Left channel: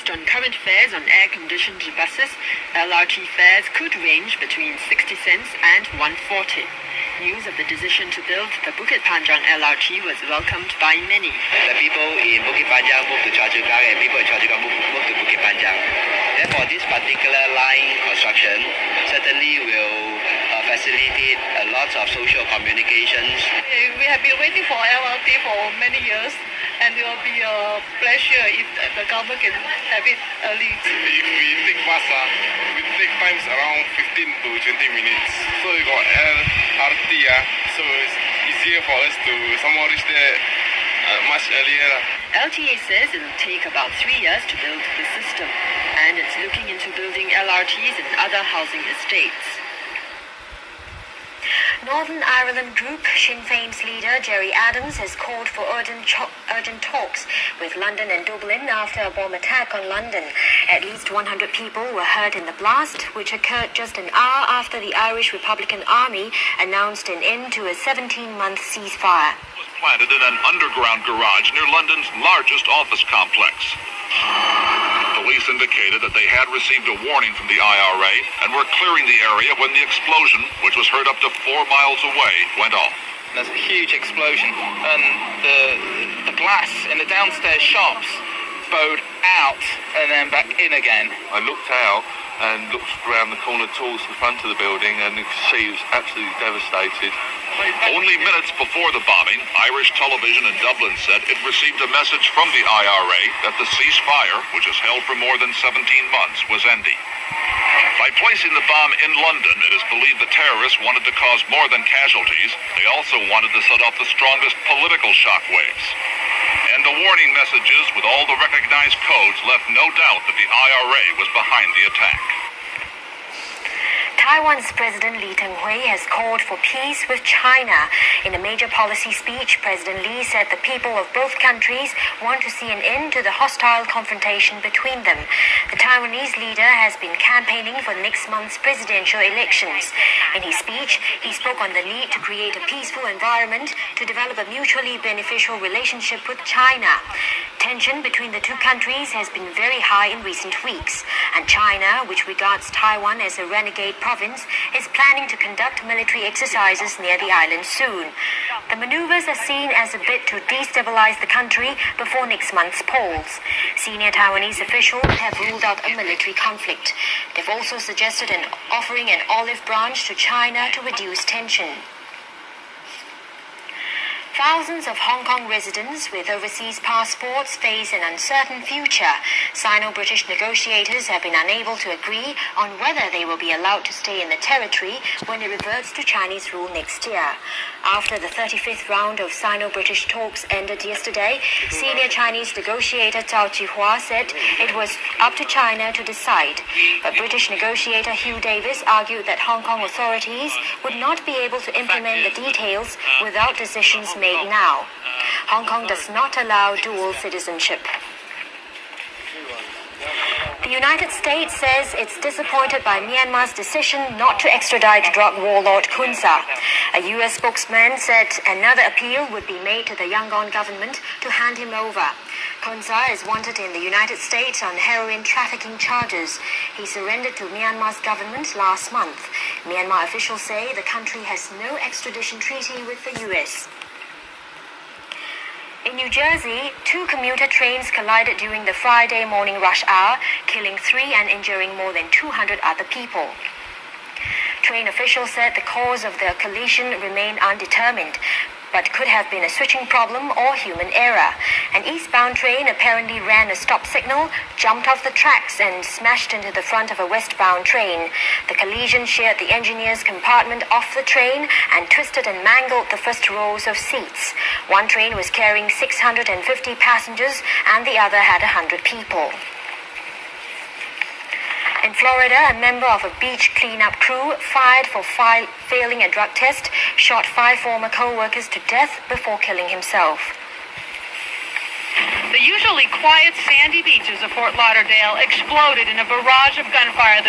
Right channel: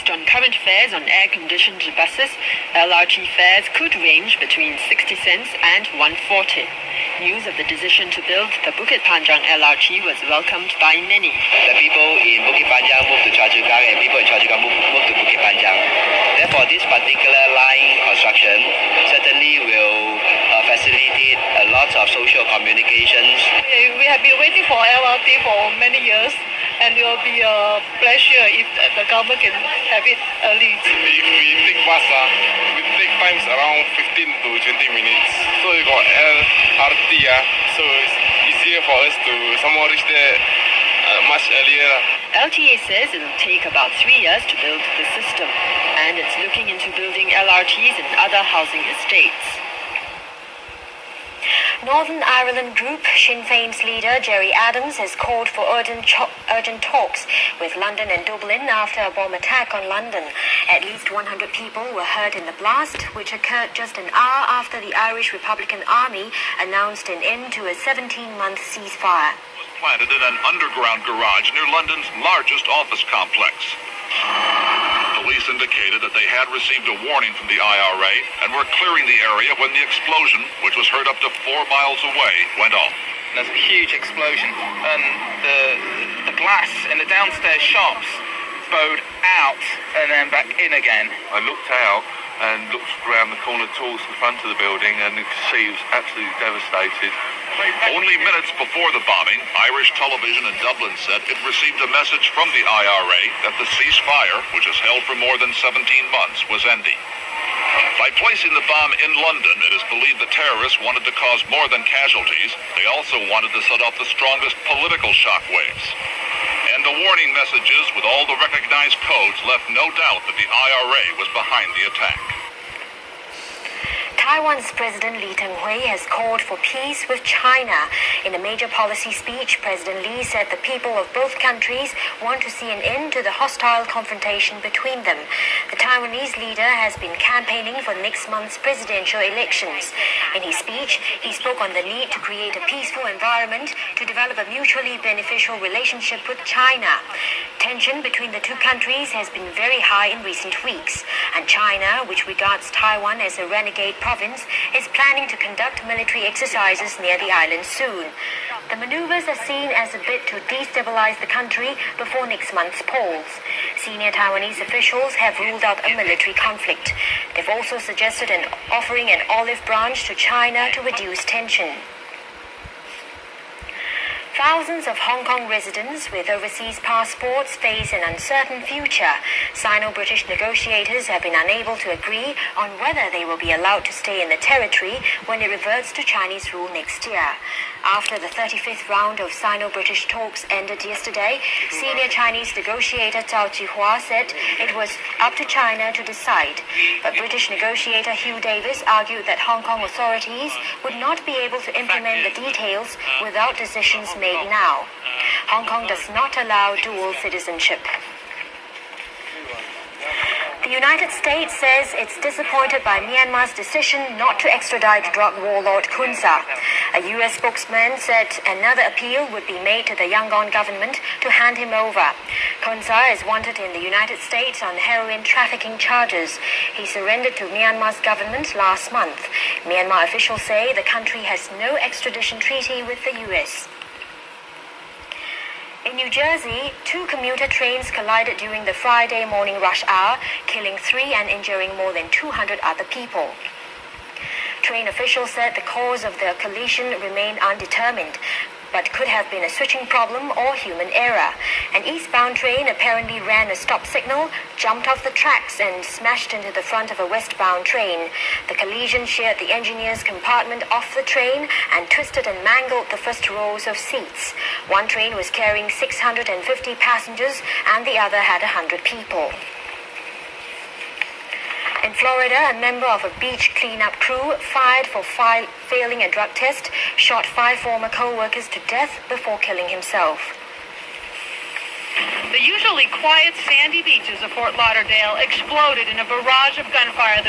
Based on current fares on air-conditioned buses, LRT fares could range between 60 cents and 140. News of the decision to build the Bukit Panjang LRT was welcomed by many. The people in Bukit Panjang move to Choa Chu Kang and people in Choa Chu Kang move to Bukit Panjang. Therefore, this particular line construction certainly will facilitate a lot of social communications. We have been waiting for LRT for many years, and it will be a pleasure if the government can have it early. If we take bus, it take times around 15 to 20 minutes. So we got LRT, so it's easier for us to somehow reach there much earlier. LTA says it will take about 3 years to build the system, and it's looking into building LRTs in other housing estates. Northern Ireland group Sinn Féin's leader Gerry Adams has called for urgent talks with London and Dublin after a bomb attack on London. At least 100 people were hurt in the blast, which occurred just an hour after the Irish Republican Army announced an end to a 17-month ceasefire. Planted in an underground garage near London's largest office complex. Police indicated that they had received a warning from the IRA and were clearing the area when the explosion, which was heard up to 4 miles away, went off. There's a huge explosion, and the glass in the downstairs shops bowed out and then back in again. I looked out and looked around the corner towards the front of the building, and you could see it was absolutely devastated. Only minutes before the bombing, Irish television in Dublin said it received a message from the IRA that the ceasefire, which has held for more than 17 months, was ending. By placing the bomb in London, it is believed the terrorists wanted to cause more than casualties. They also wanted to set off the strongest political shockwaves. And the warning messages with all the recognized codes left no doubt that the IRA was behind the attack. Taiwan's President Lee Teng-hui has called for peace with China. In a major policy speech, President Lee said the people of both countries want to see an end to the hostile confrontation between them. The Taiwanese leader has been campaigning for next month's presidential elections. In his speech, he spoke on the need to create a peaceful environment to develop a mutually beneficial relationship with China. Tension between the two countries has been very high in recent weeks, and China, which regards Taiwan as a renegade province, is planning to conduct military exercises near the island soon. The maneuvers are seen as a bid to destabilize the country before next month's polls. Senior Taiwanese officials have ruled out a military conflict. They've also suggested offering an olive branch to China to reduce tension. Thousands of Hong Kong residents with overseas passports face an uncertain future. Sino-British negotiators have been unable to agree on whether they will be allowed to stay in the territory when it reverts to Chinese rule next year. After the 35th round of Sino-British talks ended yesterday, senior Chinese negotiator Zhao Jihua said it was up to China to decide. But British negotiator Hugh Davis argued that Hong Kong authorities would not be able to implement the details without decisions made now. Hong Kong does not allow dual citizenship. The United States says it's disappointed by Myanmar's decision not to extradite drug warlord Kun Sa. A U.S. spokesman said another appeal would be made to the Yangon government to hand him over. Kun Sa is wanted in the United States on heroin trafficking charges. He surrendered to Myanmar's government last month. Myanmar officials say the country has no extradition treaty with the U.S. In New Jersey, 2 commuter trains collided during the Friday morning rush hour, killing 3 and injuring more than 200 other people. Train officials said the cause of the collision remained undetermined, but could have been a switching problem or human error. An eastbound train apparently ran a stop signal, jumped off the tracks and smashed into the front of a westbound train. The collision sheared the engineer's compartment off the train and twisted and mangled the first rows of seats. One train was carrying 650 passengers and the other had 100 people. In Florida, a member of a beach cleanup crew fired for failing a drug test shot 5 former co-workers to death before killing himself. The usually quiet sandy beaches of Fort Lauderdale exploded in a barrage of gunfire